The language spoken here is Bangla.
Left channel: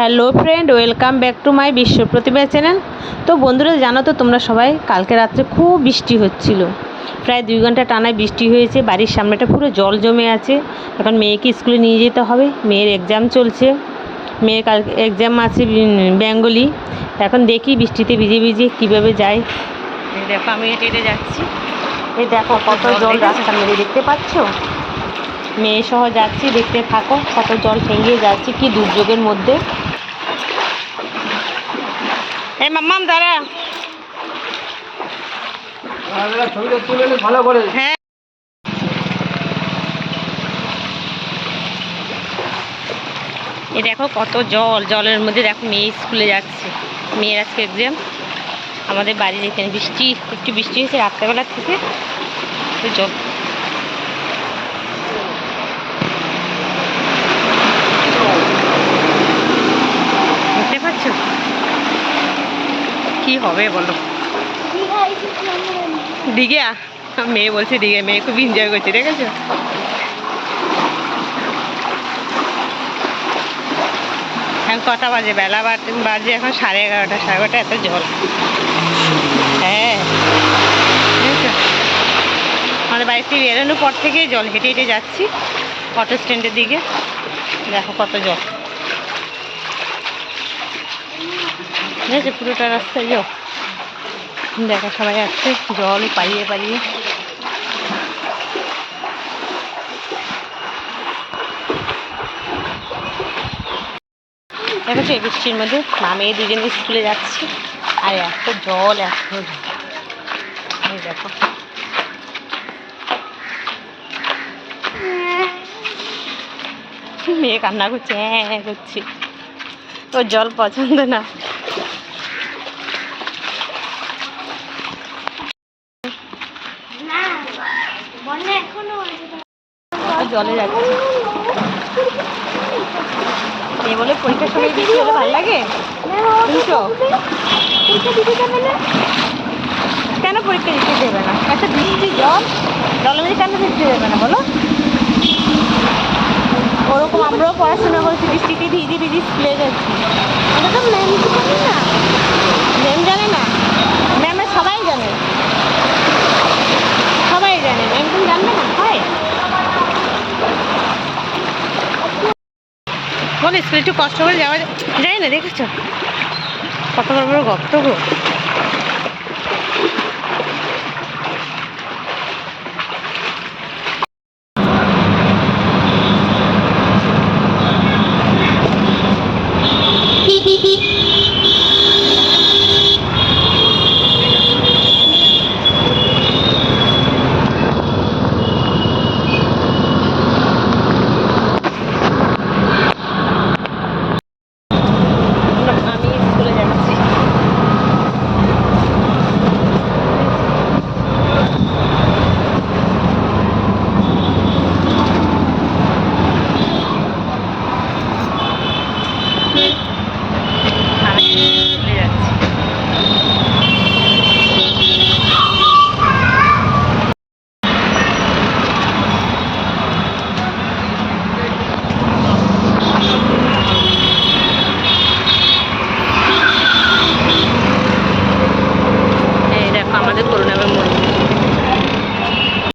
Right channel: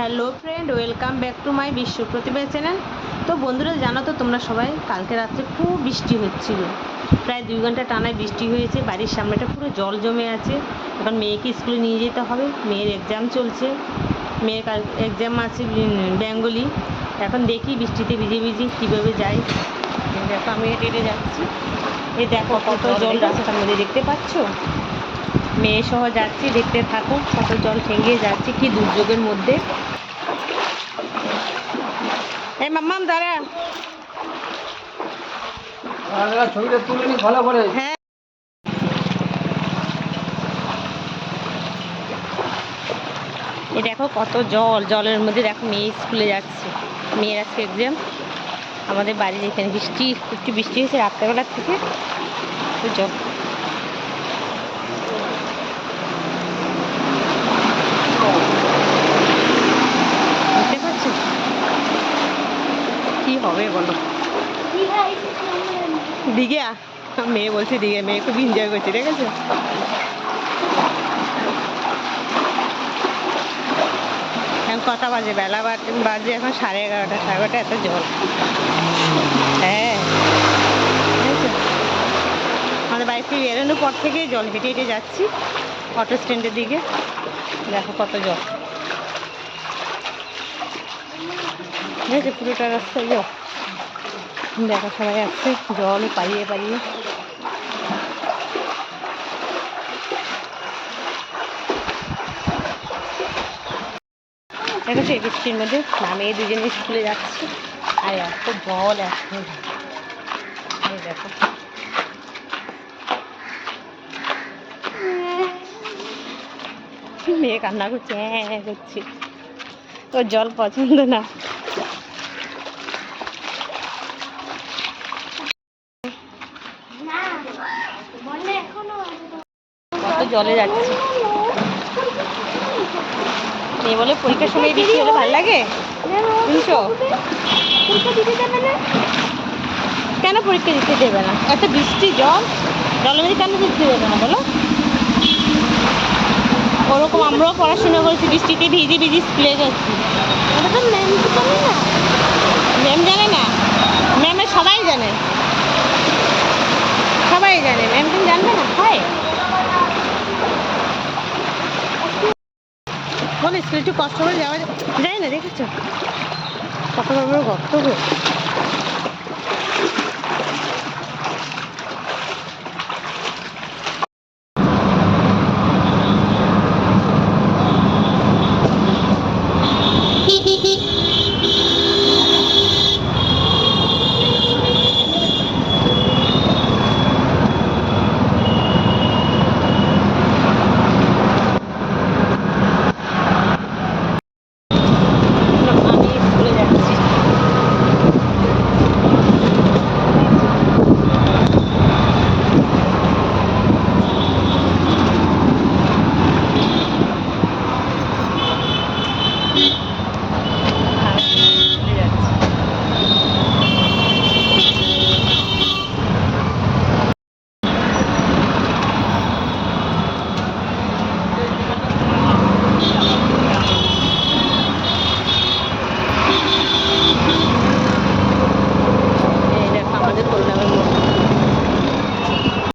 Hello friend, welcome back to my বিশ্ব প্রতিভা চ্যানেল। তো বন্ধুরা, জানো তো তোমরা সবাই, কালকে রাত্রে খুব বৃষ্টি হচ্ছিল। প্রায় 2 ঘন্টা টানা বৃষ্টি হয়েছে। বাড়ির সামনেটা পুরো জল জমে আছে। এখন মেয়েকে স্কুলে নিয়ে যেতে হবে। মেয়ের এক্সাম চলছে। মেয়ের কাল এক্সাম আছে বেঙ্গলি। এখন দেখি বৃষ্টিতে ভিজে ভিজে কীভাবে যাই। দেখো আমি হেঁটে হেঁটে যাচ্ছি। এই দেখো কত জল রাস্তার মধ্যে, দেখতে পাচ্ছ? মেয়ে সহ যাচ্ছি, দেখতে থাকো কত জল পেরিয়ে যাচ্ছি, কি দুর্যোগের মধ্যে। এই মাম্মাম দাঁড়া। হ্যাঁ, এই দেখো কত জল, জলের মধ্যে দেখো মেয়ে স্কুলে যাচ্ছে। মেয়ের আজকে এক্সাম। আমাদের বাড়ির এখানে বৃষ্টি, একটু বৃষ্টি হয়েছে রাত্রেবেলা থেকে। জল বুঝতে পারছো কি হবে বলো? দীঘা, মেয়ে বলছে দীঘা। মেয়ে খুব এনজয় করছে, দেখেছো? এখন কটা বাজে? বেলা বাজে এখন 11:30, 11:30। এত জল। হ্যাঁ, বুঝেছো? আমাদের বাড়ি থেকে বেরোনোর পর থেকেই জল। হেঁটে হেঁটে যাচ্ছি অটো স্ট্যান্ডের দিকে। দেখো কত জল, বুঝেছো? পুরোটা রাস্তায় জল। দেখো সবাই আসছে জল পাড়িয়ে পাড়িয়ে। দেখেছো এই বৃষ্টির মধ্যে মা মেয়ে দুজনে স্কুলে যাচ্ছি। আর এত জল, এত জল। দেখো মেয়ে কান্না করছে, হ্যাঁ করছি। ওর জল পছন্দ না। কত জলে যাচ্ছি। মেয়ে বলে পরীক্ষার সময় বৃষ্টি হলে ভালো লাগে। কেন পরীক্ষা দিতে দেবে না? এত বৃষ্টি, জল, জলের মধ্যে কেন দিতে দেবে না বলো? ওরকম আমরাও পড়াশোনা করেছি, বৃষ্টিতে ভিজে ভিজে স্কুলে গেছি। ওটা তো ম্যাম তো জানে না। ম্যাম জানে না? ম্যামে সবাই জানে, সবাই জানে। ম্যাম তুমি জানবে না? হয় বলে স্কুলে একটু কষ্ট করে যাওয়া যায় না। দেখেছো কত বড় বড় গর্ত গো।